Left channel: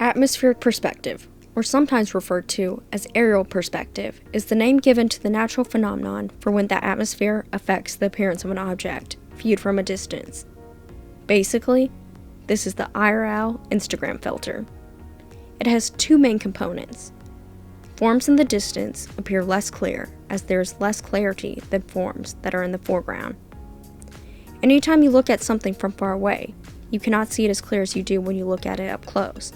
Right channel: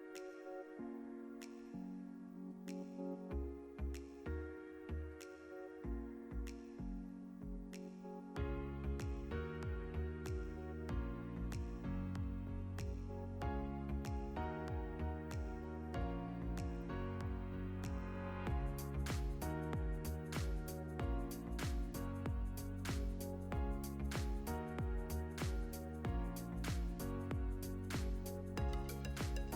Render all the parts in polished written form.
Atmospheric perspective, or sometimes referred to as aerial perspective, is the name given to the natural phenomenon for when the atmosphere affects the appearance of an object viewed from a distance. Basically, this is the IRL Instagram filter. It has two main components. Forms in the distance appear less clear, as there is less clarity than forms that are in the foreground. Anytime you look at something from far away, you cannot see it as clear as you do when you look at it up close.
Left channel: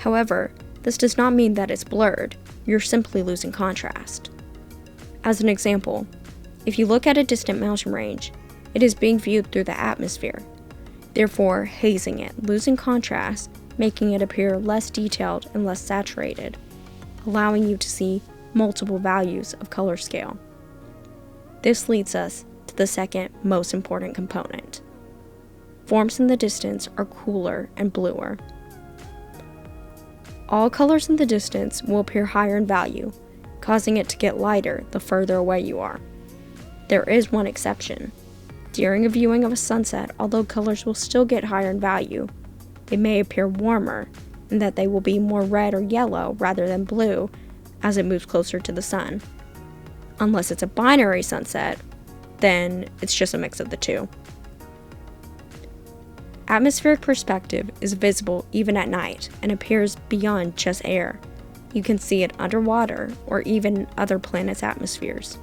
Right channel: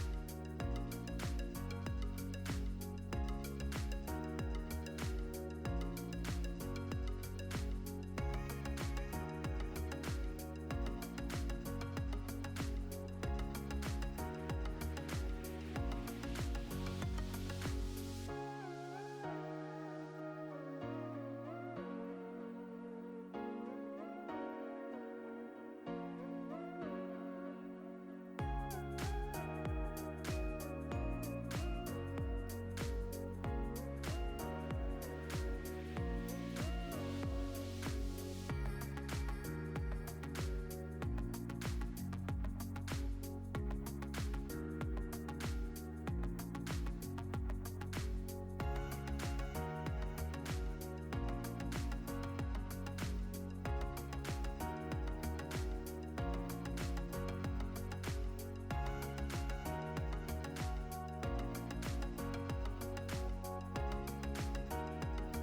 However, this does not mean that it's blurred, you're simply losing contrast. As an example, if you look at a distant mountain range, it is being viewed through the atmosphere, therefore hazing it, losing contrast, making it appear less detailed and less saturated, allowing you to see multiple values of color scale. This leads us to the second most important component. Forms in the distance are cooler and bluer. All colors in the distance will appear higher in value, causing it to get lighter the further away you are. There is one exception. During a viewing of a sunset, although colors will still get higher in value, they may appear warmer, in that they will be more red or yellow rather than blue as it moves closer to the sun. Unless it's a binary sunset, then it's just a mix of the two. Atmospheric perspective is visible even at night and appears beyond just air. You can see it underwater or even other planets' atmospheres.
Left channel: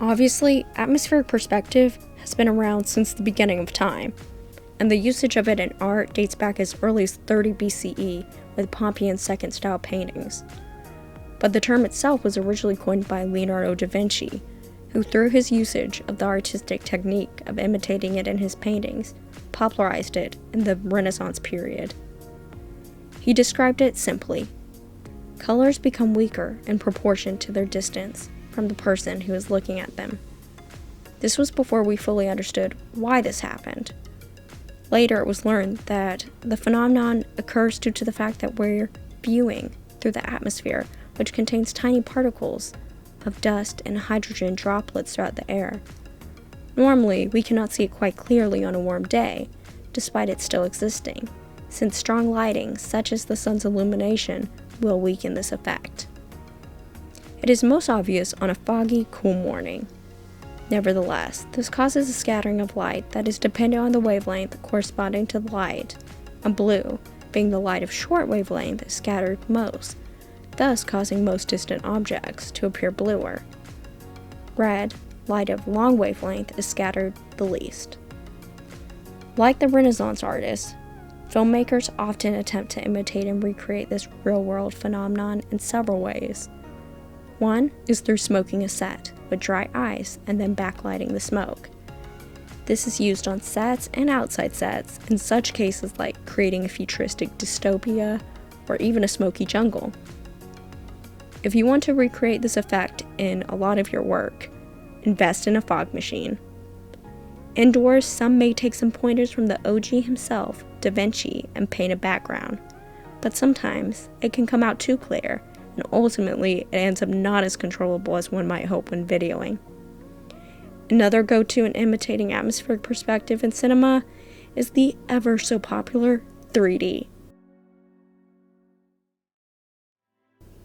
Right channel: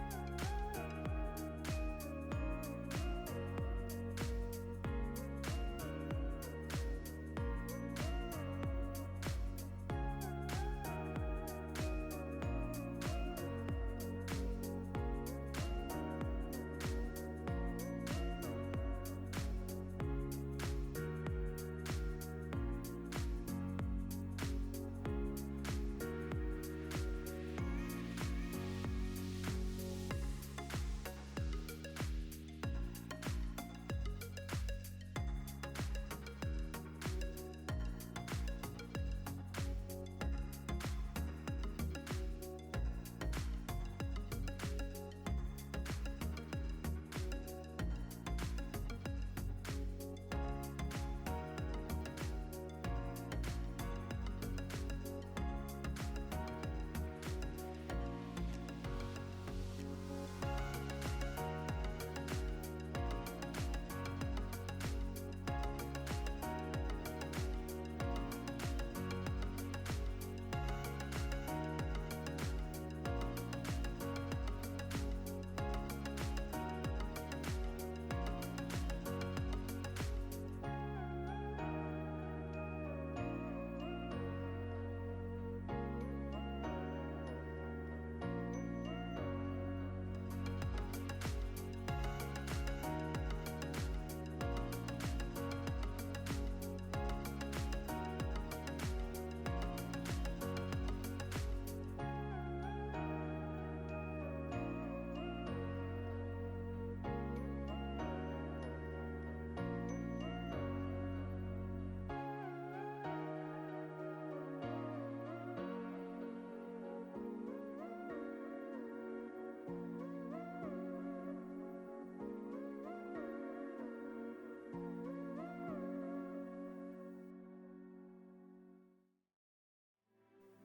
Obviously, atmospheric perspective has been around since the beginning of time, and the usage of it in art dates back as early as 30 BCE with Pompeian second style paintings. But the term itself was originally coined by Leonardo da Vinci, who through his usage of the artistic technique of imitating it in his paintings, popularized it in the Renaissance period. He described it simply: colors become weaker in proportion to their distance from the person who is looking at them. This was before we fully understood why this happened. Later it was learned that the phenomenon occurs due to the fact that we're viewing through the atmosphere, which contains tiny particles of dust and hydrogen droplets throughout the air. Normally, we cannot see it quite clearly on a warm day, despite it still existing, since strong lighting, such as the sun's illumination, will weaken this effect. It is most obvious on a foggy, cool morning. Nevertheless, this causes a scattering of light that is dependent on the wavelength corresponding to the light, and blue, being the light of short wavelength, is scattered most, thus causing most distant objects to appear bluer. Red, light of long wavelength, is scattered the least. Like the Renaissance artists, filmmakers often attempt to imitate and recreate this real-world phenomenon in several ways. One is through smoking a set with dry ice and then backlighting the smoke. This is used on sets and outside sets in such cases like creating a futuristic dystopia or even a smoky jungle. If you want to recreate this effect in a lot of your work, invest in a fog machine. Indoors, some may take some pointers from the OG himself, Da Vinci, and paint a background, but sometimes it can come out too clear, and ultimately it ends up not as controllable as one might hope when videoing. Another go-to in imitating atmospheric perspective in cinema is the ever so popular 3D.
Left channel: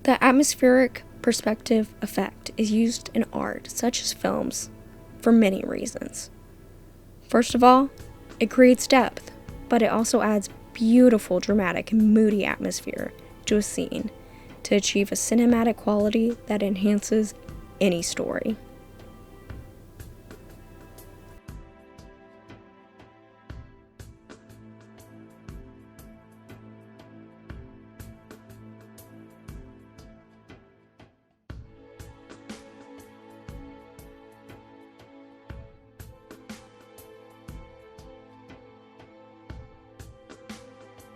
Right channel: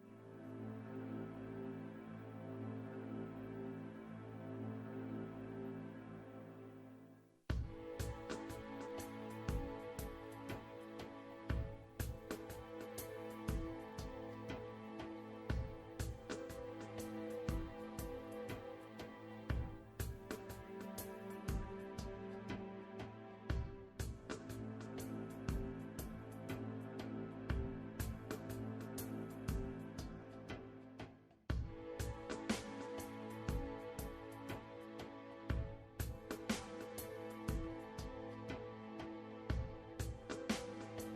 The atmospheric perspective effect is used in art, such as films, for many reasons. First of all, it creates depth, but it also adds beautiful, dramatic, and moody atmosphere to a scene to achieve a cinematic quality that enhances any story.